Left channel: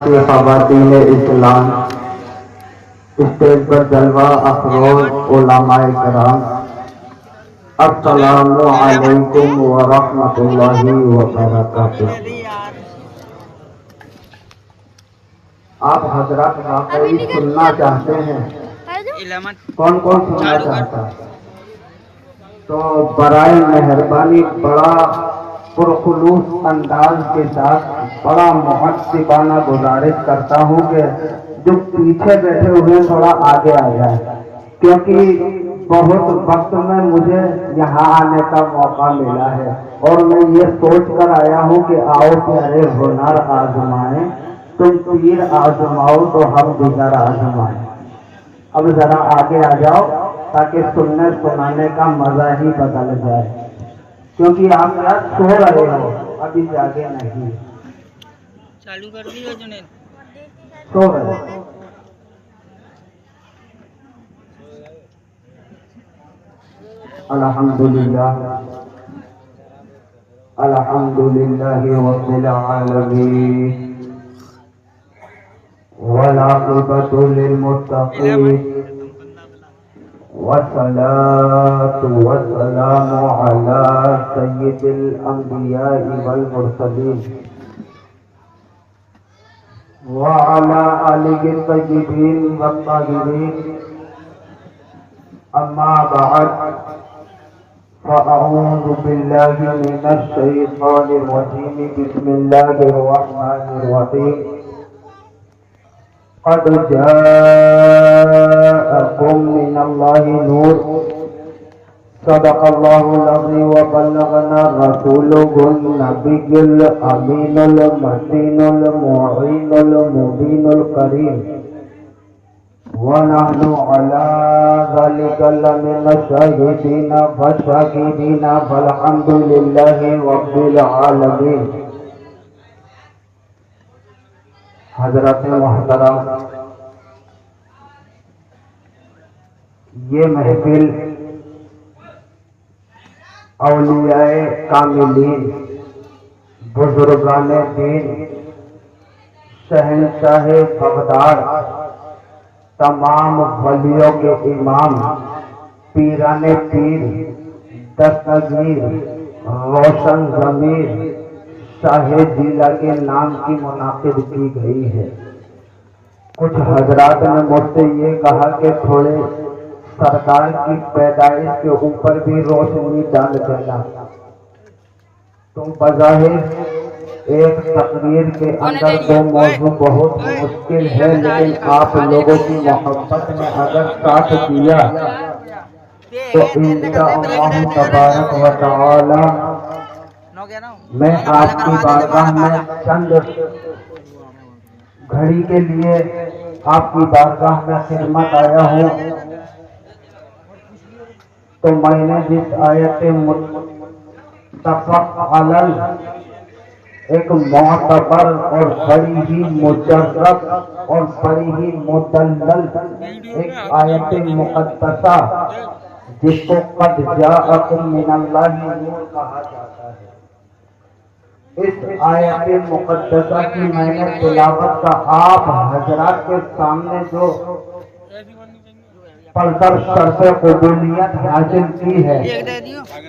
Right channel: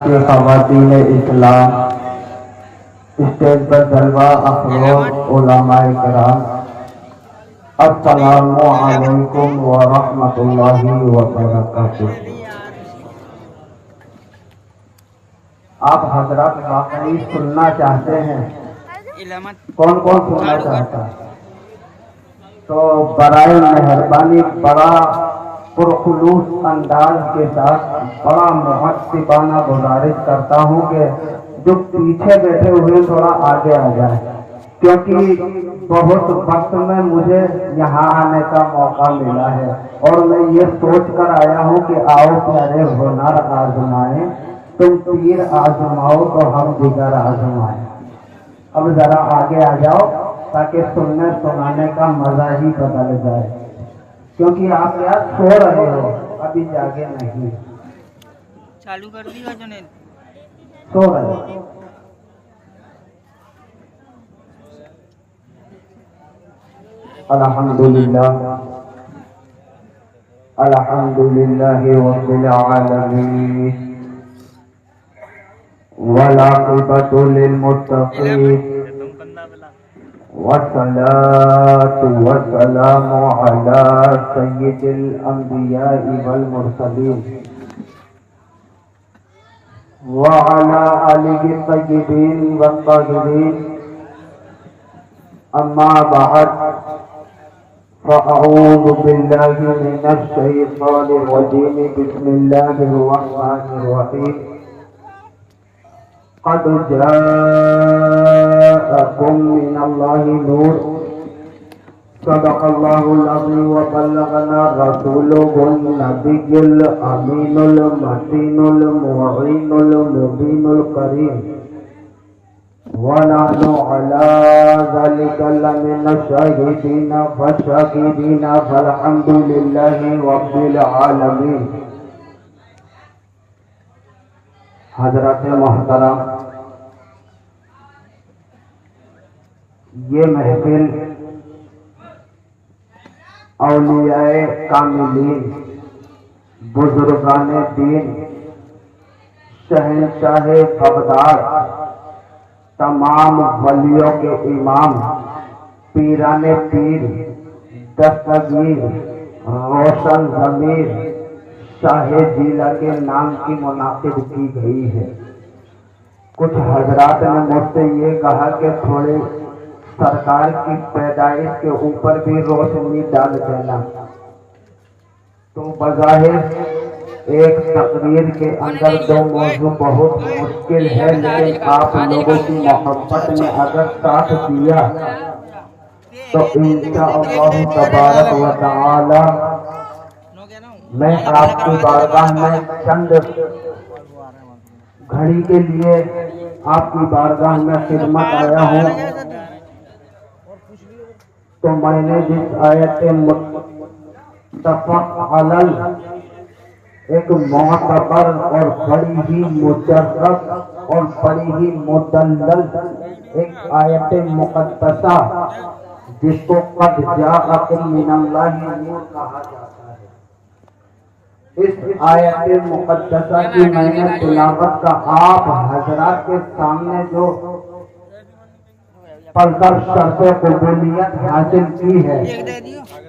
کے خواتین اسلام، اسٹیج پر جلوہ افروز علماء کرام، السلام علیکم ورحمۃ اللہ وبرکاتہ۔ آپ حضرات واقعی سننا چاہتے ہیں؟ کون کون سننا چاہتا ہے؟ تو برائے مہربانی بڑا پرخلوص انداز کے ساتھ بڑا مؤدبانہ گزارش کرتا ہوں کہ جو پیچھے بیٹھے ہوئے تھوڑا آگے آ جائے، کیونکہ بہت وقت میں مجھے یہاں آنے کا موقع ملا ہے اور میں یہ سوچ کر آیا ہوں کہ آؤ پیارے ہنر آزمائیں، تم تیر آزماؤ تو ہم دیگر آزمائیں۔ اب ذرا آگے آ جاؤ تاکہ سننے سنانے کا مزہ ہی بدل جائے، کیونکہ آپ یار سو رہے ہو، ابھی جاگے نہیں، چالو کر دی جنید، سو رہے ہو۔ الحمدللہ الحمدللہ رب العالمین والعاقبۃ للمتقین والصلاة والسلام على سید الانبیاء والمرسلین وعلى آلہ الطیبین والطاہرین، اما بعد فاعوذ باللہ من الشیطان الرجیم، بسم اللہ الرحمن الرحیم۔ قد جاءکم من اللہ نور، صدق اللہ العظیم وبلغنا رسولہ النبی الامین المتین المعین المبین الکریم، ونحن علی ذلک لمن الشاہدین والشاکرین، فالحمد للہ رب العالمین۔ حضرت محترم، یہ محفل اولیاء کاملین، بزرگان دین، شہنشاہ بغداد، تمام ولیوں کے امام، پیران پیر، دستگیر، روشن ضمیر شاہ جیلہ کے نام کی منعقد کی گئی ہے۔ کچھ حضرات نے مجھ سے یہ کہا کہ تھوڑے سرکار کی پیدائش کے اوپر بھی روشنی ڈال دینا، تو بظاہر ایک تقریر کے اندر جو موضوع بہت مشکل ہے، لیکن آپ لوگوں کی محبت میں اگر ساتھ دیا تو انشاءاللہ تبارک و تعالی میں آپ کی بارگاہ میں چند گھڑی کے لیے آپ کی بارگاہ میں خدمت آیا ہوں، تو میں نے جس آیت متفق علی ایک معتبر اور بڑی ہی مجرب اور بڑی ہی مدلل ایک آیت مقدسہ جس کو قد جاءکم من اللہ نور کہا جاتا ہے، اس آیت مقدسہ کی میں نے تلاوت کا آپ حضرات کے سامنے جو پرور شرط قبولیت حاصل کی ہے،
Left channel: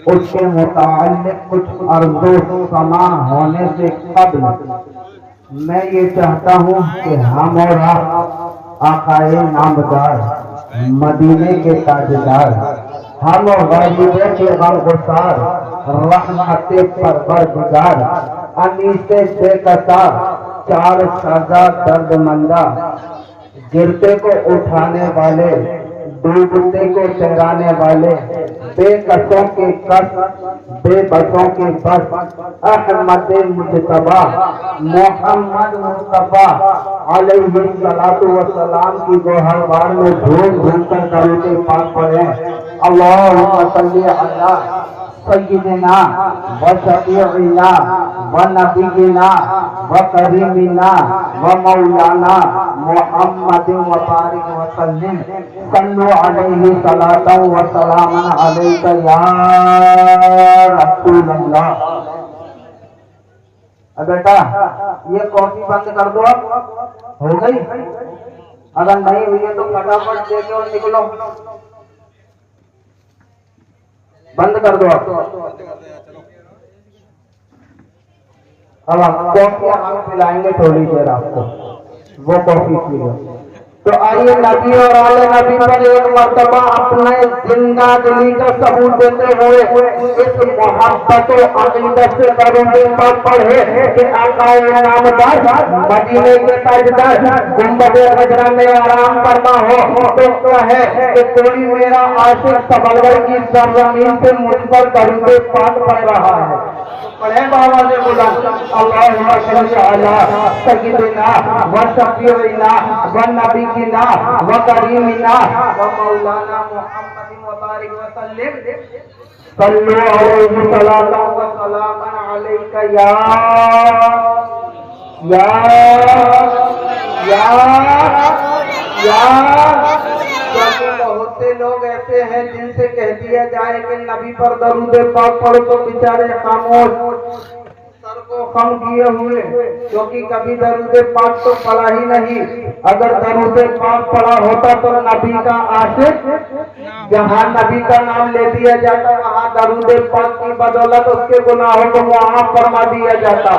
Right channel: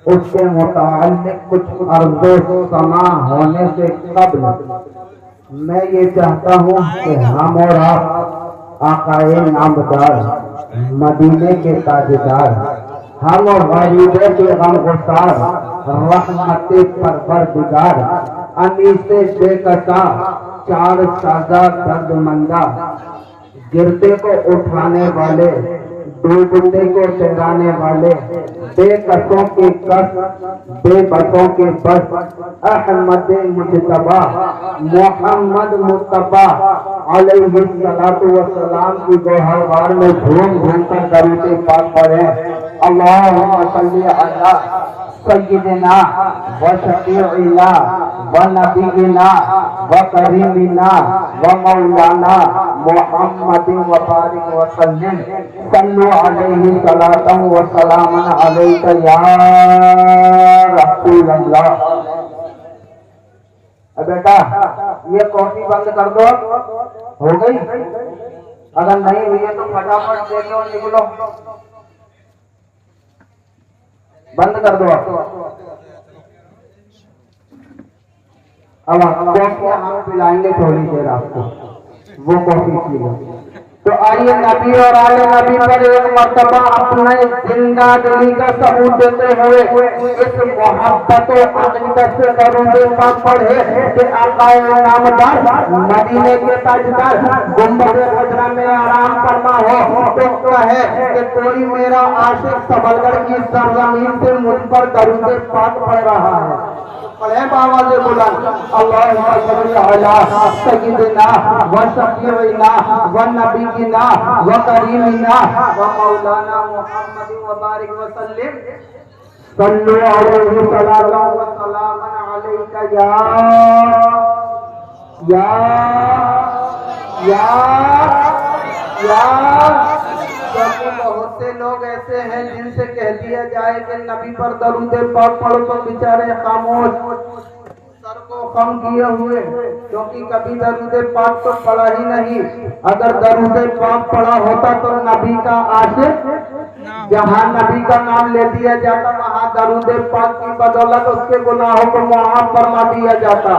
اس کے متعلق کچھ عرض و سماع ہونے سے قبل میں یہ چاہتا ہوں کہ ہم اور آپ آقائے نامدار، مدینے کے تاجدار، ہم اور غریبوں کے غمگسار، رحمت پروردگار، انیس بے قطع، چار سازہ درد مندہ، گرتے کو اٹھانے والے، ڈوبتے کو ٹھہرانے والے، بے کسوں کے کس، بے بسوں کے بس، احمد مجتبی محمد مصطفیٰ علیہ السلام کی جو ہر بار میں جھوم جھوم کر درود پاک پڑھیں، اللہم صلی علی سیدنا و شفیعنا و نبینا و کریمنا و مولانا محمد و بارک وسلم، صلو علیہ صلاۃ و سلام علیک یا رسول اللہ۔ بیٹا یہ کافی بند کر دو، ہو گئی؟ اگر نہیں ہوئی ہے تو فٹافٹ دے کے اور نکلو، بند کر دو۔ اب کافی ہم پلائیں گے تھوڑی دیر آپ کو، وہ کافی پی لو۔ تو آئیے نبی اور آل نبی پر ایک مرتبہ اپنے زندہ دلی کا ثبوت دیتے ہوئے اس محبت و عقیدت سے درود پاک پڑھے کہ آقا نامدار مدینے کے تاجدار گنبد خضرا میں آرام کرنا ہو تو کہے کہ کوئی میرا عاشق سبلگر کی سرزمین سے مجھ پر درود پاک پڑھ رہا ہے۔ پڑھیں بابا سے بلند، اللہم صل علی سیدنا و شفیعنا و نبینا و کریمنا و مولانا محمد و بارک وسلم، صلو علیہ صلاۃ و سلام علیک بہت سے لوگ ایسے ہیں جن سے کہہ دیا جائے کہ نبی پر درود پاک پڑھو تو بیچارے خاموش، سر کو خم کیے ہوئے، کیونکہ کبھی درود پاک تو پڑھا ہی نہیں۔ اگر درود پاک پڑھا ہوتا تو نبی کا عاشق جہاں نبی کا نام لے دیا جاتا وہاں درود پاک کی بدولت اس کے گناہوں کو معاف فرما دیا جاتا۔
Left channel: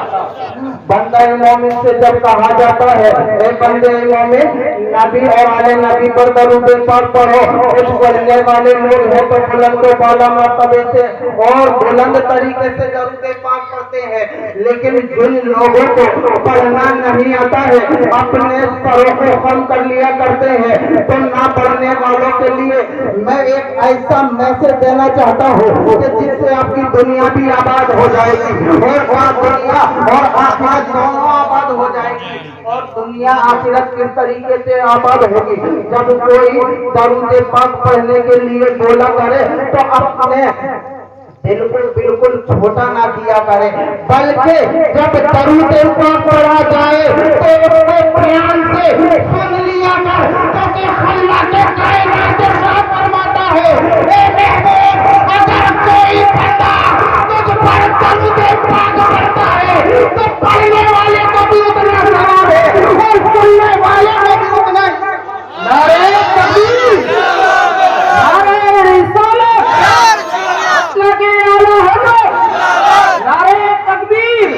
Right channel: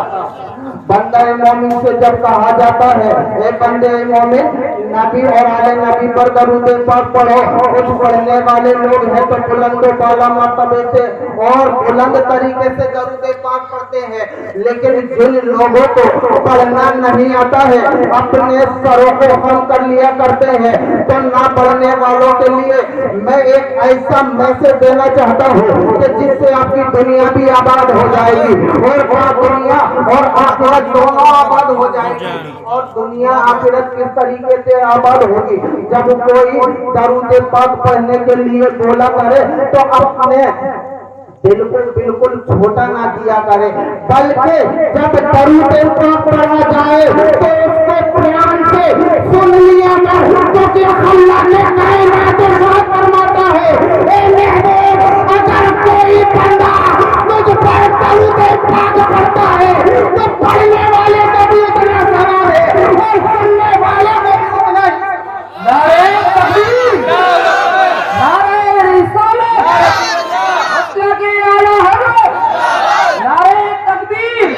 بندہ مومن سے جب کہا جاتا ہے اے بندے مومن نبی اور آل نبی پر درود پاک پڑھو، کچھ پڑھنے والے لوگ ہیں تو بلند و بالا مرتبے سے اور بلند طریقے سے درود پاک پڑھتے ہیں، لیکن جن لوگوں کو پڑھنا نہیں آتا ہے اپنے سروں کو خم کر لیا کرتے ہیں، تو نہ پڑھنے والوں کے لیے میں ایک ایسا میسج دینا چاہتا ہوں کہ جس سے آپ کی دنیا بھی آباد ہو جائے گی اور دنیا اور آخرت دونوں آباد ہو جائے گی، اور دنیا آخرت کس طریقے سے آباد ہوگی؟ جب کوئی درود پاک پڑھنے کے لیے بولا کرے تو اپنے بالکل چھوٹا نہ کیا کرے، بلکہ جب درود پاک پڑھا جائے تو اس کو پیار سے سن لیا کر، کیونکہ اللہ نے کائنات ارشاد فرماتا ہے اے محبوب اگر کوئی بندہ مجھ پر درود پاک پڑھتا ہے تو پڑھنے والے کو بھی اتنا ثواب ہے اور سننے والے کو بھی اتنا ہی۔ نعرہ تکبیر، نعرہ رسالت، لگے اعلی حضرت، نعرہ تکبیر،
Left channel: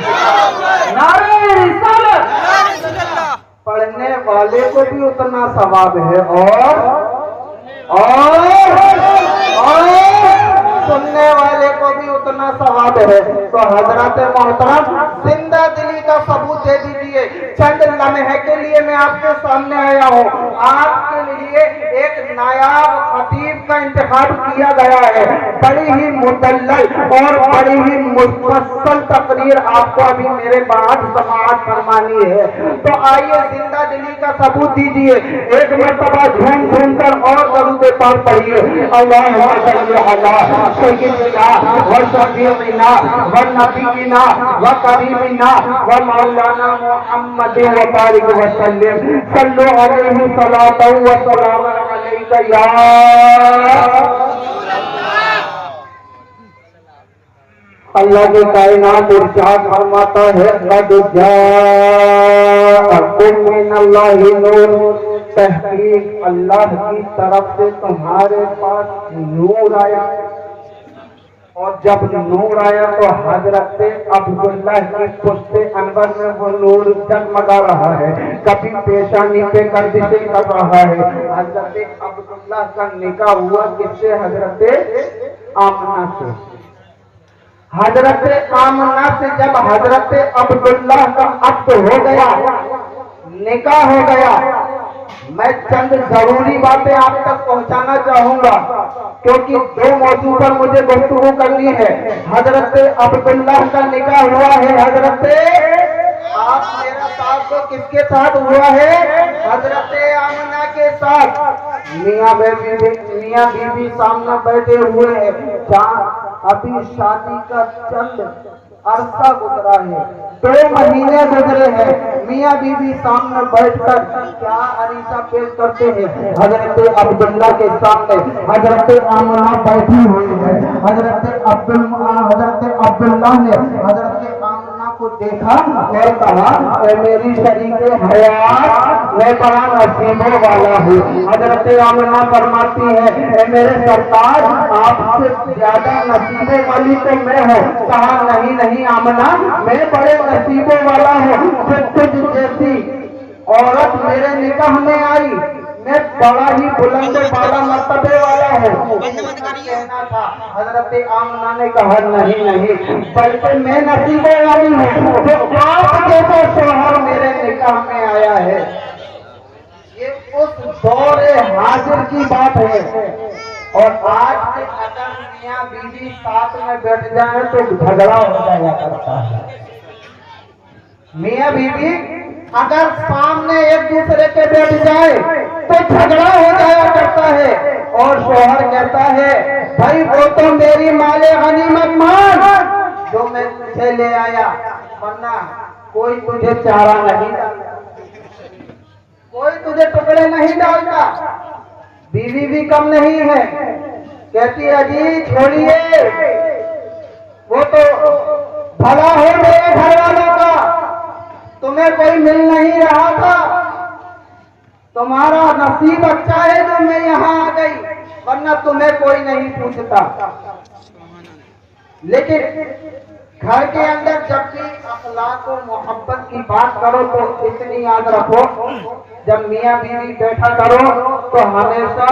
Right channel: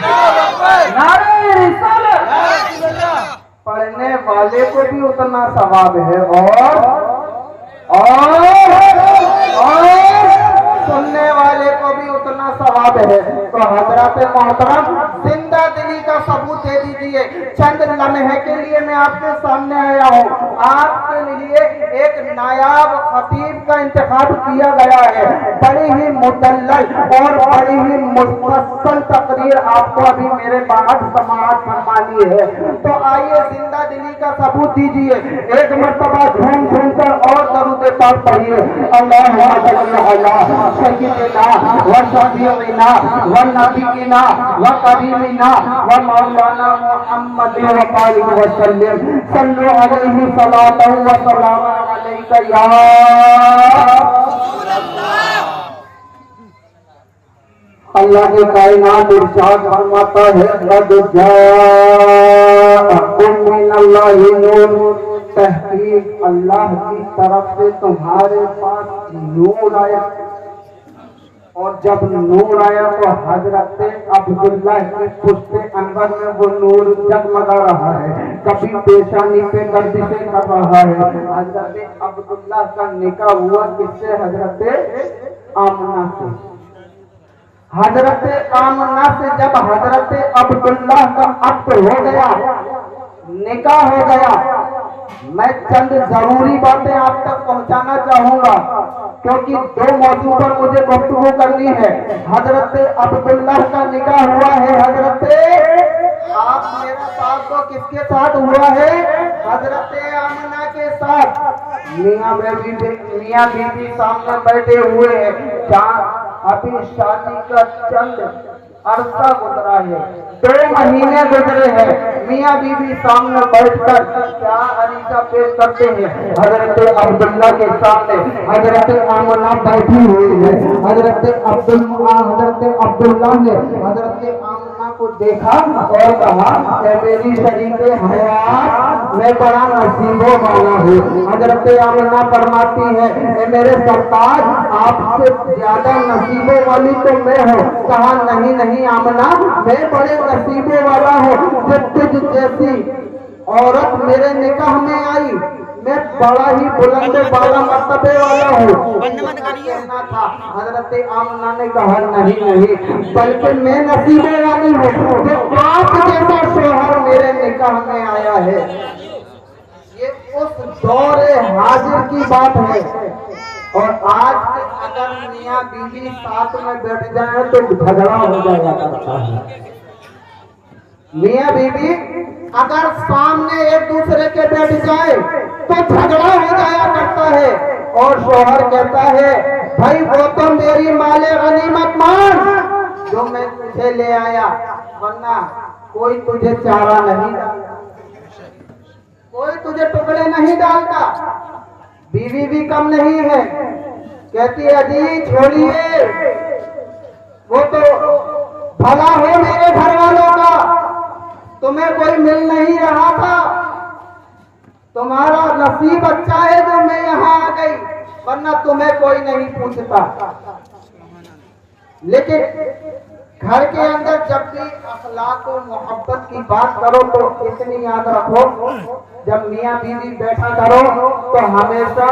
نعرہ رسالت۔ پڑھنے والے کو بھی اتنا ثواب ہے اور سننے والے کو بھی اتنا ثواب ہے۔ تو حضرات محترم زندہ دلی کا ثبوت دے دیجئے۔ چند لمحے کے لیے میں آپ کے سامنے آیا ہوں، آپ کے لیے ایک نایاب خطیب کا انتخاب کیا گیا ہے، بڑی ہی مدلل اور بڑی ہی مفصل تقریر آپ کو ابھی میرے بعد سماعت فرمانی ہے۔ تو آئیے زندہ دلی کا ثبوت دیجئے، ایک مرتبہ جھوم جھوم کر اور درود پاک پڑھیے۔ اللہم صل علی سیدنا و شفیعنا و نبینا و کریمنا و مولانا محمد و بارک وسلم، صلو علیہ صلاۃ و سلام علیک یا اللہ کی کائنات ارشاد فرماتا ہے قد جاءکم من اللہ نور، تحقیق اللہ کی طرف سے تمہارے پاس نور آیا، اور جب نور آیا تو حضرت عبداللہ کی پشت انور میں وہ نور جگمگا رہا ہے، کبھی پیشانی پہ گردشیں کر رہا ہے۔ حضرت عبداللہ کا نکاح ہوا کس سے؟ حضرت آمنہ سے۔ حضرت آمنہ سے جب حضرت عبداللہ کا عقد ہو گیا، نکاح ہو گیا، میں چند ضروری باتیں آپ تک پہنچانا چاہوں گا کیونکہ دو موضوع پر مجھے گفتگو کرنی ہے۔ حضرت عبداللہ کا نکاح ہوا ہے، حضرت آپ میرا ساتھ تو کس کے ساتھ ہوا ہے؟ حضرت آمنہ کے ساتھ۔ میاں بی بی سامنے بیٹھے ہوئے ہیں، ابھی شادی کا چند عرصہ گزرا ہے، 2 مہینے گزرے ہیں، میاں بی بی سامنے بیٹھ کر کیا عریضہ پیش کرتے ہیں؟ حضرت عبداللہ کے سامنے حضرت آمنہ بیٹھی ہوئی ہے، حضرت عبداللہ نے حضرت آمنہ کو देखा और कहा ए मेरी शरीक हयात मैं बड़ा नसीबों वाला हूँ। हजरत आमना फरमाती है ए मेरे सरताज आपसे ज्यादा नसीबों वाली तो मैं हूँ। कहा नहीं नहीं आमना मैं बड़े नसीबों वाला हूँ कि तुझ जैसी औरत मेरे निकाह में आई। मैं बड़ा ही बुलंद वाला मर्तबे वाला हूँ। कहना था हजरत आमना ने कहा नहीं नहीं बल्कि मैं नसीबों वाली हूँ जो आप जैसा शोहर मेरे निकाह में आया है। ये उस दौरे हाजिर की बात है। और आज के अगर मियाँ बीवी साथ में बैठ जाए तो झगड़ा हो जाया करता है। मियाँ बीवी अगर सामने एक दूसरे के बैठ जाए तो झगड़ा हो जाया करता है। और शोहर कहता है भाई वो तो मेरी माले गनीमत मान जो मैं तुझे ले आया, वरना कोई तुझे चारा नहीं डालता, कोई तुझे टुकड़े नहीं डालता। बीवी भी कम नहीं है, कहती है जी छोड़िए वो तो भला हो मेरे घर वालों का, तुम्हें कोई मिल नहीं रहा था, तुम्हारा नसीब अच्छा है जो मैं यहाँ आ गई, वरना तुम्हें कोई नहीं पूछता। लेकिन घर के अंदर जब भी अखलाक और मोहब्बत की बात करो तो इतनी याद रखो, जब मियाँ बीवी बैठा करो तो हमेशा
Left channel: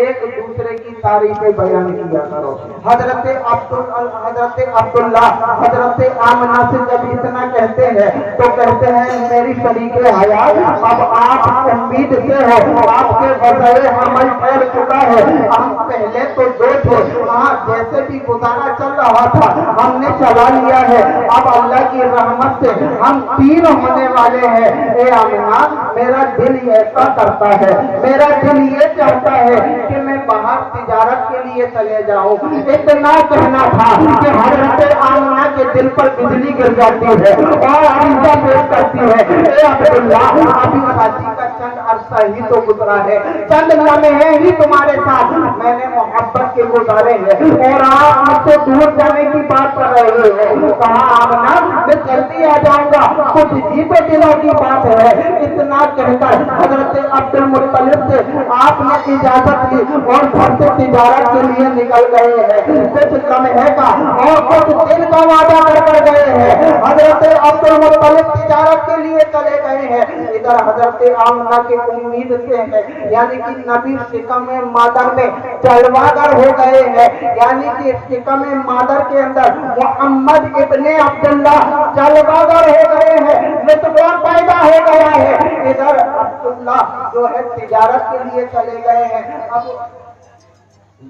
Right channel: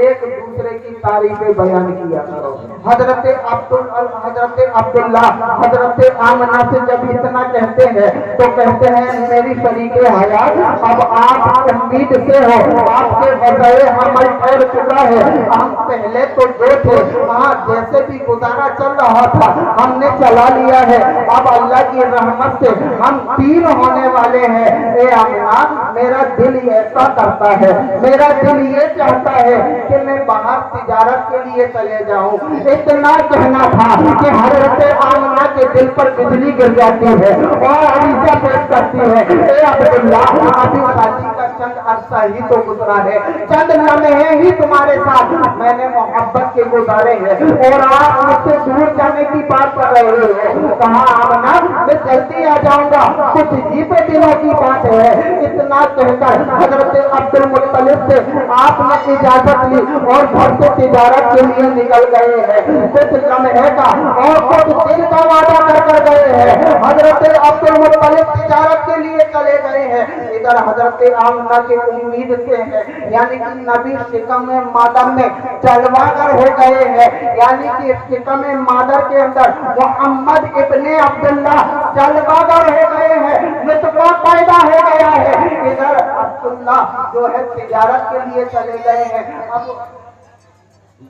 एक दूसरे की तारीफें बयान किया करो। हजरत अब्दुल्ला हजरत आमना से जब इतना कहते हैं तो कहते हैं मेरी शरीक हयात अब आप उम्मीद से हो, आपके बजाय अमल कर चुका है। हम पहले तो दो थे, वहाँ जैसे भी गुजारा चल रहा था हमने चला लिया है, अब अल्लाह की रहमत से हम 3 होने वाले हैं। ए आमना मेरा दिल ऐसा करता है, मेरा दिल ये चाहता है कि मैं बाहर तिजारत के लिए चले जाऊं। इतना कहना था कि हजरत आमना के दिल पर बिजली गिर जाती है और अरीजा पेश करती है ए अब्दुल्ला अभी शादी का चंद अरसा ही तो गुजरा है, चंद लम्हे ही तुम्हारे साथ मैंने मोहब्बत के गुजारे हैं और आप मुझसे दूर जाने की बात कर रहे हो। कहा आमना मैं जल्दी आ जाऊंगा, कुछ ही तो दिनों की बात है। इतना कहकर हजरत अब्दुल मुत्तलिब से आपने इजाजत ली और घर से तिजारत के लिए निकल गए हैं। कुछ लम्हे का और कुछ दिन का वादा कर गए हैं। हजरत अब्दुल मुत्तलिब तिजारत के लिए चले गए हैं, इधर हजरत आमना की उम्मीद से है, यानी कि नबी शिकम मादर में जलवागर हो गए हैं, यानी कि शिकम मादर के अंदर मोहम्मद इब्ने अब्दुल्ला जलवागर हो गए हैं, लुत्फ पैदा हो गया है। इधर अब्दुल्ला जो है तिजारत के लिए चले गए हैं। अब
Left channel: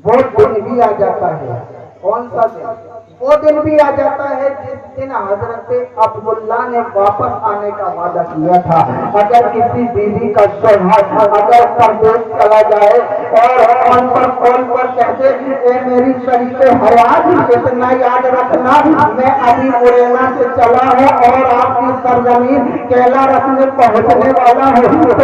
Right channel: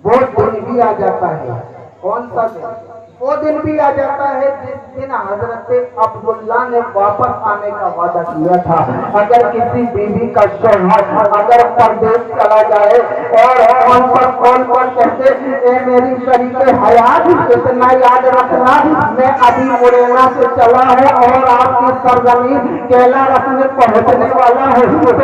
वो दिन भी आ जाता है, कौन सा दिन? वो दिन भी आ जाता है जिस दिन हजरत अब्दुल्ला ने वापस आने का वादा किया था। अगर किसी बीवी का शौहर अगर परदेश चला जाए और हम पर कॉल पर कहते ए मेरी शरीक हयात इतना याद रखना मैं अभी मुरैना से चला हूँ और आपकी सरजमीन केला रख में पहुँचने वाला है, तो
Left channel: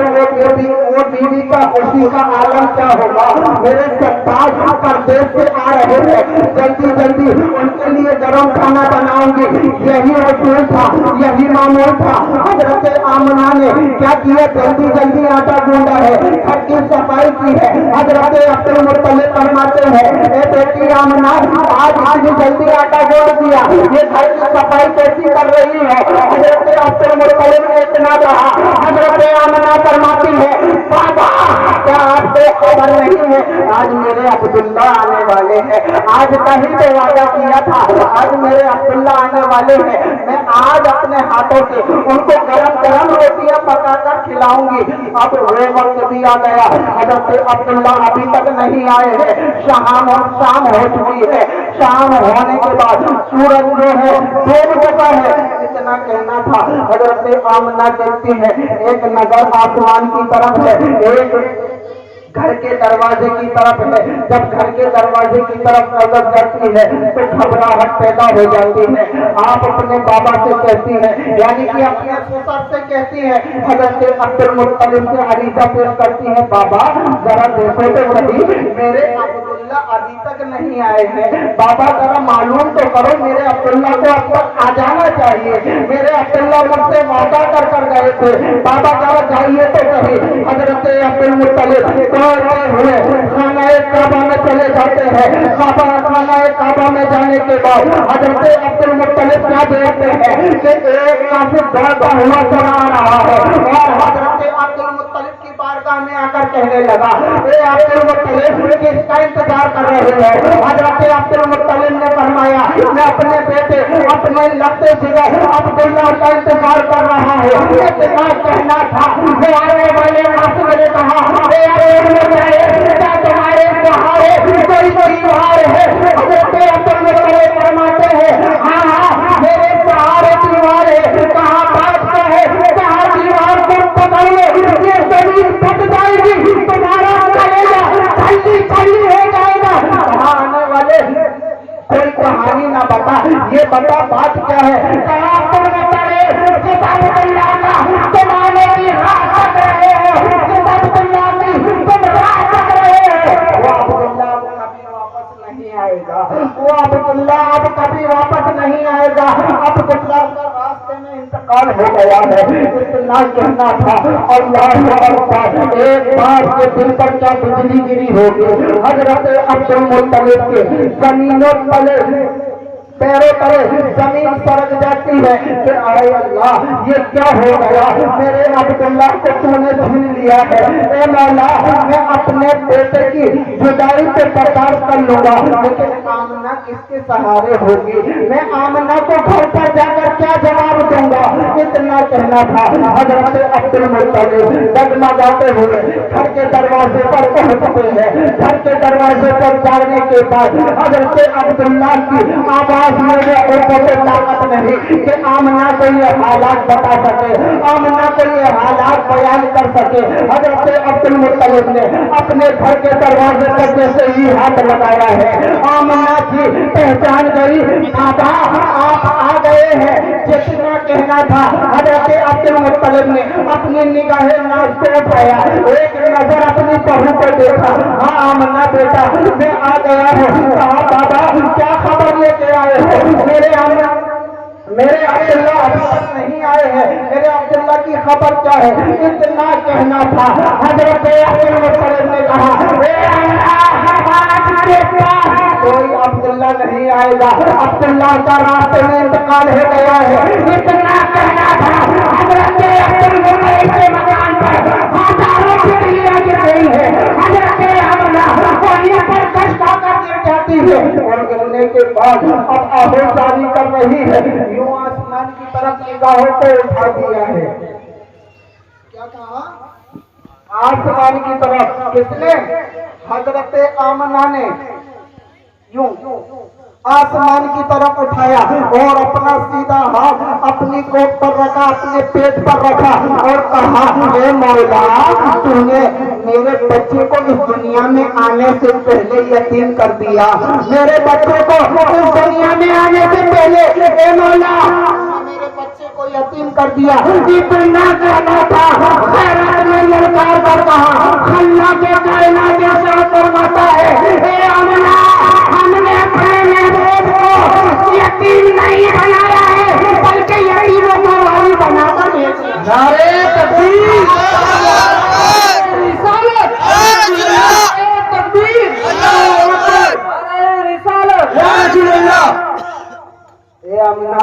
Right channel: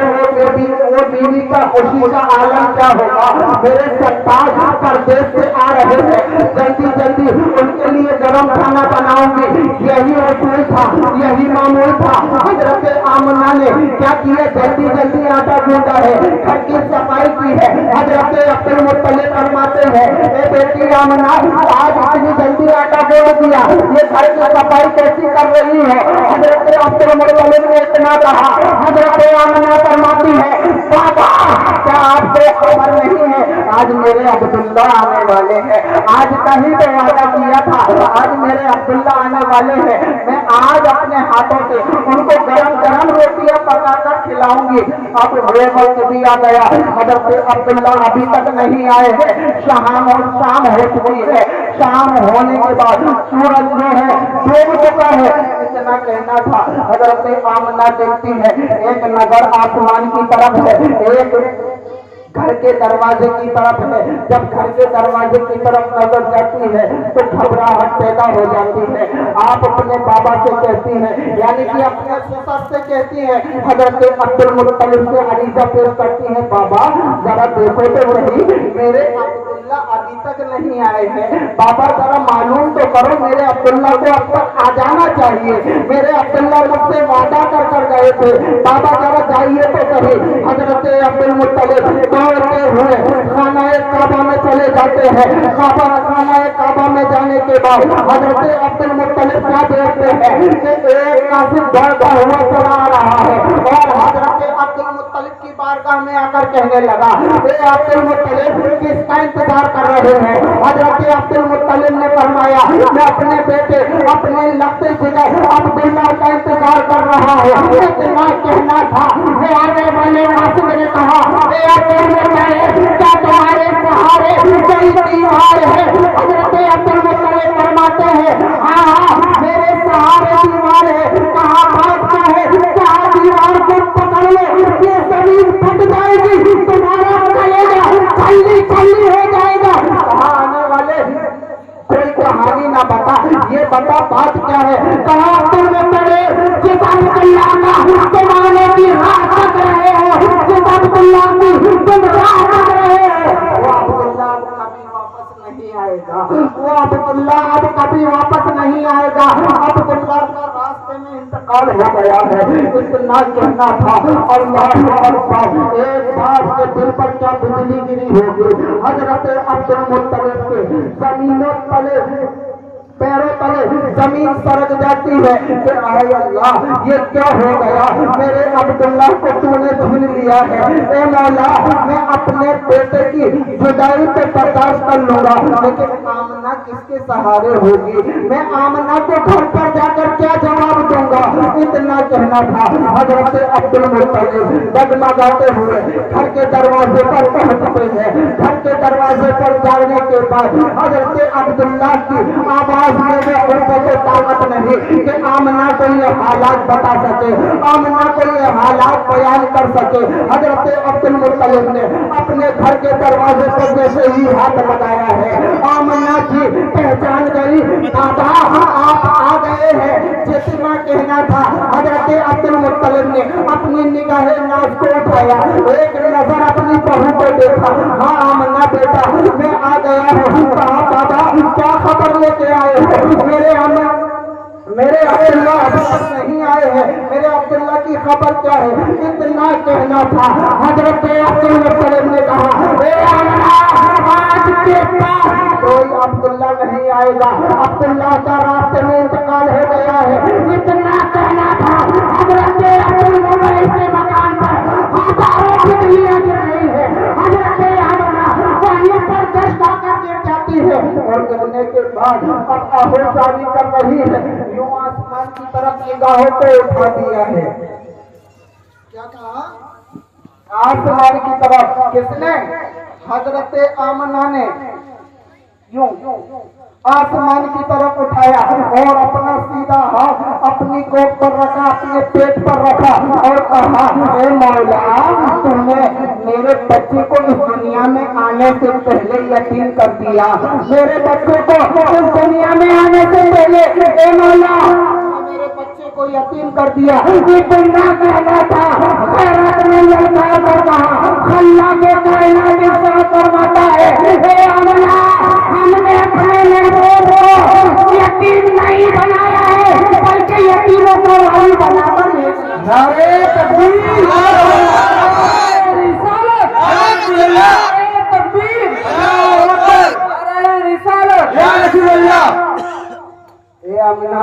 वो बीवी का खुशी का आलम क्या होगा। मेरे सरताज परदेश से आ रहे हैं, जल्दी जल्दी उनके लिए गरम खाना बनाऊंगी। यही रसूल था, यही मामूल था। हजरत आमना ने क्या किया, जल्दी जल्दी आटा गूंदा है, घर की सफाई की है। हजरत अब्दुल मुत्तलिब फरमाते हैं ए बेटी आमना आज इतनी जल्दी आटा गूंद दिया, ये घर की सफाई कैसी कर रही है। हजरत अब्दुल मुत्तलिब ने इतना कहा, हजरत आमना फरमाती है बाबा क्या आपको खबर नहीं है आज मेरे अब्दुल्ला आने वाले हैं। आज कहीं तो वादा किया था आज मेरे अब्दुल्ला आने वाले हैं, मैं आज अपने हाथों से उनको गरम गरम रोटियां पकाकर खिलाऊंगी। अब वो वक्त भी आ गया, हजरत अब्दुल्ला अभी तक नहीं आए हैं, शाम और शाम हो चुकी है। शाम होने के बाद सूरज जो है डूब चुका है। इतना कहना था, हजरत आमना देखती है एक नजर आसमान की तरफ है, एक घर के दरवाजे की तरफ है। जब घर के दरवाजे की तरफ नजर जाती है तो घबराहट पैदा हो जाती है। आप अपने बाबा से कहती है, यानी कि अपने ससुर से कहती है। हजरत अब्दुल मुत्तलिब से अरीजा पेश करती है, बाबा जरा देखो तो वही मेरे अब्दुल्ला अभी तक तक नहीं आए हैं। बाबा जरा मालूम तो करो, मेरे अब्दुल्ला को अब तक आ जाना चाहिए। मेरे अब्दुल्ला मुझसे वादा कर गए थे, बाबा जरा जाइए तो सही। हजरत अब्दुल मुत्तलिब दौड़ते हुए खाना काबा में चले जाते हैं। खाना काबा में जाने के बाद हजरत अब्दुल मुत्तलिब क्या देखते हैं कि एक काफिर दौड़ता हुआ चला आ रहा है और हजरत अब्दुल मुत्तलिब की बारगाह में आकर कहने लगा, ए अब्दुल मुत्तलिब किसका इंतजार कर रहे हो? हजरत अब्दुल मुत्तलिब ने फरमाया, मैं अपने बेटे अपने लगते जिगर अब्दुल्ला का इंतजार कर रहा हूँ। इतना कहना था, वो आने वाले नासिर ने कहा, ए अब्दुल मुत्तलिब क्या तुम्हारे सहारे कोई दीवार है? हजरत अब्दुल मुत्तलिब फरमाते हैं, हाँ मेरे सहारे दीवार है। कहाँ बात को है, कहाँ दीवार को पकड़ लो, ये जमीन फट जाएगी, तुम्हारा कलेजा खल्ली खल्ली हो जाएगा। कहाँ आने वाले कोई कहानी ना बता, ये बता बात क्या है? कहाँ अब्दुल मुत्तलिब जिस अब्दुल्ला का जमाने की राह तक रहे हो, जिस अब्दुल्ला की तुम राह तक रहे हो, वो अब्दुल्ला अब कभी वापस नहीं आएगा। वो अब्दुल्ला अब कभी वापस नहीं आएगा। अब्दुल्ला का रास्ते में इंतकाल हो गया है। इतना कहना था। अल्लाह अकबर, एक बाप के दिल पर क्या बिजली गिरी होगी। हजरत अब्दुल मुत्तलिब के जमीनों तले पैरों तले जमीन सरक जाती है कि आए अल्लाह ये क्या हो गया? मेरे अब्दुल्ला को तूने छीन लिया है। ए मौला, मैं अपने बेटे की जुदाई पे बर्दाश्त कर लूंगा, लेकिन आमना किसके सहारे होगी? मैं आमना को घर पर जाकर क्या जवाब दूंगा? इतना कहना था। हजरत अब्दुल मुत्तलिब डगमगाते हुए घर के दरवाजे पर पहुंचते हैं। घर के दरवाजे पर जाने के बाद हजरत अब्दुल्ला की आवाज मेरे ऊपर से ताकत नहीं कि आमना को ये हालात बता सके, आमना को ये हालात बयान कर सके। हजरत अब्दुल मुत्तलिब ने अपने घर के दरवाजे पर जैसे ही हाथ लगाया है, आमना की पहचान गई, बाबा आप आ गए हैं। जितना कहना था, हजरत अब्दुल मुत्तलिब ने अपनी निगाहें नाज को उठाया, एक नजर अपनी बहू पर देखा, हाँ आमना बेटा मैं आ गया हूँ। कहा बाबा क्या खबर लेके आए हो? मेरे अब्दुल्ला अभी तक नहीं आए हैं, मेरे अब्दुल्ला की खबर क्या है? इतना कहना था। हजरत अब्दुल मुत्तलिब ने कहा, कोई अब्दुल्ला नहीं आएगा, अब्दुल्ला का रास्ते में इंतकाल हो गया है। इतना कहना था। हजरत अब्दुल मुत्तलिब के मकान पर हजारों चिड़ियां गिर रही है। हजरत अब्दुल्ला वहीं पर कष्ट आकर गिर जाती है और गिरने के बाद अब आहोशानी कर रही है। यूं आसमान की तरफ निगाहों को उठा दिया है। क्या कहा? आसमान की तरफ। किसने? हजरत आमना ने यूं आसमान की तरफ उठाया और अपना सीधा हाथ अपनी कोट पर रखा, अपने पेट पर रखा और कहा, हे मौला तूने मेरे बच्चे को इस दुनिया में आने से पहले यतीम कर दिया। मेरे बच्चे को इस दुनिया में आने से पहले हे मौला मेरे बच्चे को यतीम कर दिया। इतना कहना था। खैरात में ललकार कर कहा, खल्ला के कायनात के साथ फरमाता है, हे अमला हमने अपने यतीम नहीं बनाया है, बल्कि यतीमों को भाई बनाकर भेजा। नारे तकबीर, रिसालत, तकबीर, रिसालत। ए आमिना,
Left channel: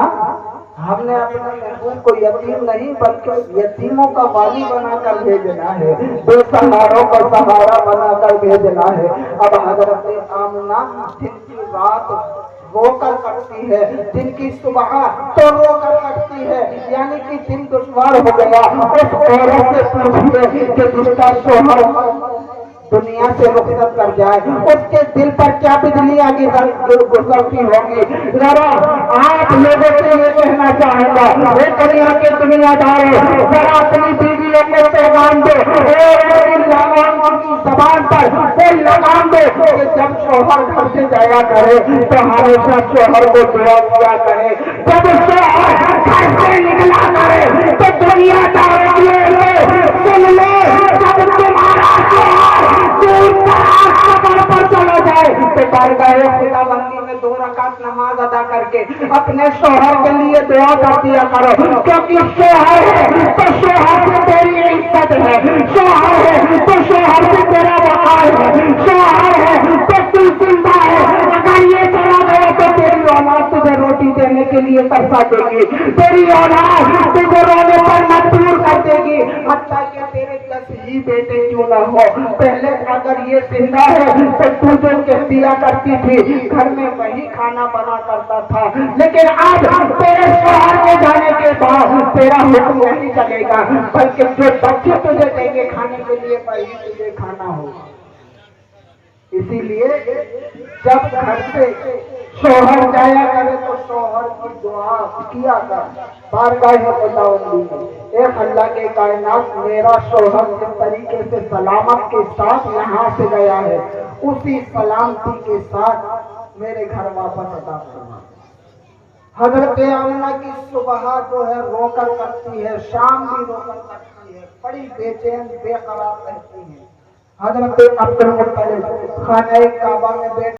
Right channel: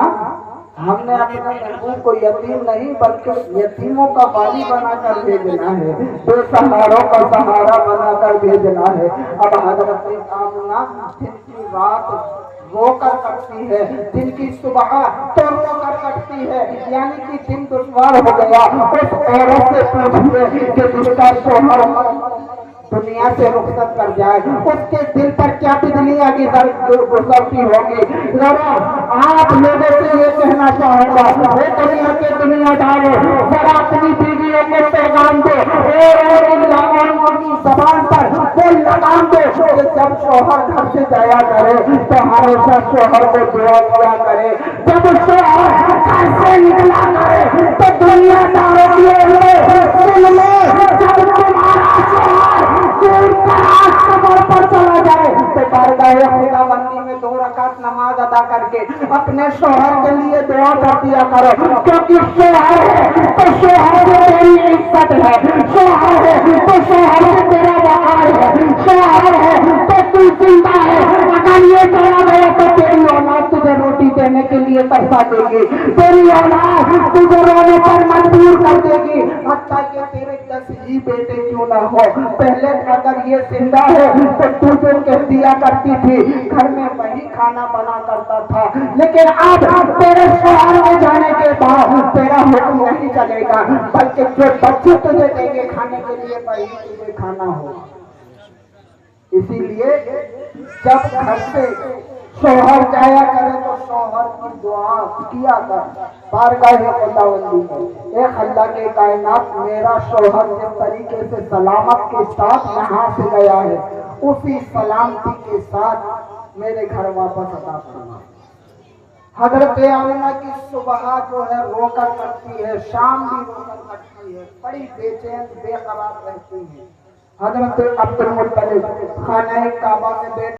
हमने अपने महबूब को यतीम नहीं बल्कि यतीमों का वाली बनाकर भेजना है, बेसहारों को सहारा बनाकर भेजना है। अब हजरत आमिना जिनकी रात रोकर कटती है, जिनकी सुबह तो रोकर कटती है, यानी कि दिन दुश्वार हो गया, उस औरत से पूछते कि जिसका शोहर दुनिया से रुखसत कर जाए उसके दिल पर क्या बिजलियां की गुजरती होगी। जरा आप लोगों से ये कहना चाहूंगा, दुनिया के दुनियादारों, जरा अपनी बीवियों के पैगाम दो, जबान पर कोई लगाम दो कि जब शोहर घर से जाया करे तो हमेशा शोहर को दुआ किया करे। जब शोहर घर से निकला करे तो दुनियादारों सुन लो, जब तुम्हारा शोहर दूर पर चला जाए तो कहेगा बारगाह खुदाबंदी में 2 रकात नमाज अदा करके अपने शौहर के लिए दुआ कर दिया करो, क्योंकि शौहर है तो शौहर से तेरी इज्जत है, शौहर है तो शौहर से तेरा वक़ार है, शौहर है तो तू जिंदा है। अगर ये चला गया तो तेरी औलाद तुझे रोटी देने के लिए तरसा देगी, तेरी औलाद तुझे रोने पर मजबूर कर देगी, हत्ता कि तेरे 10 ही बेटे क्यों ना हो। पहले अगर ये जिंदा है तो तू जो कह दिया करती थी घर में वही खाना बना करता था, लेकिन अब तेरे शौहर में जाने के बाद तेरा हुक्म नहीं चलेगा, बल्कि जो बच्चे तुझे देंगे खाने के लिए वही तुझे खाना होगा। इसीलिए जब घर से शौहर जाया करे तो शौहर की दुआ किया कर बारगाह खुदाबंदी में, ए अल्लाह के कायनात मेरा शौहर जिस तरीके से सलामत के साथ यहाँ से गया है उसी सलामती के साथ मेरे घर वापस अदा करना। हजरत आमिना की सुबह जो है रोकर कटती है, शाम भी रोकर कटती है, बड़ी बेचैन बेकरार रहती है। हजरत अब्दुल मुत्तलिब खाने काबा में बैठ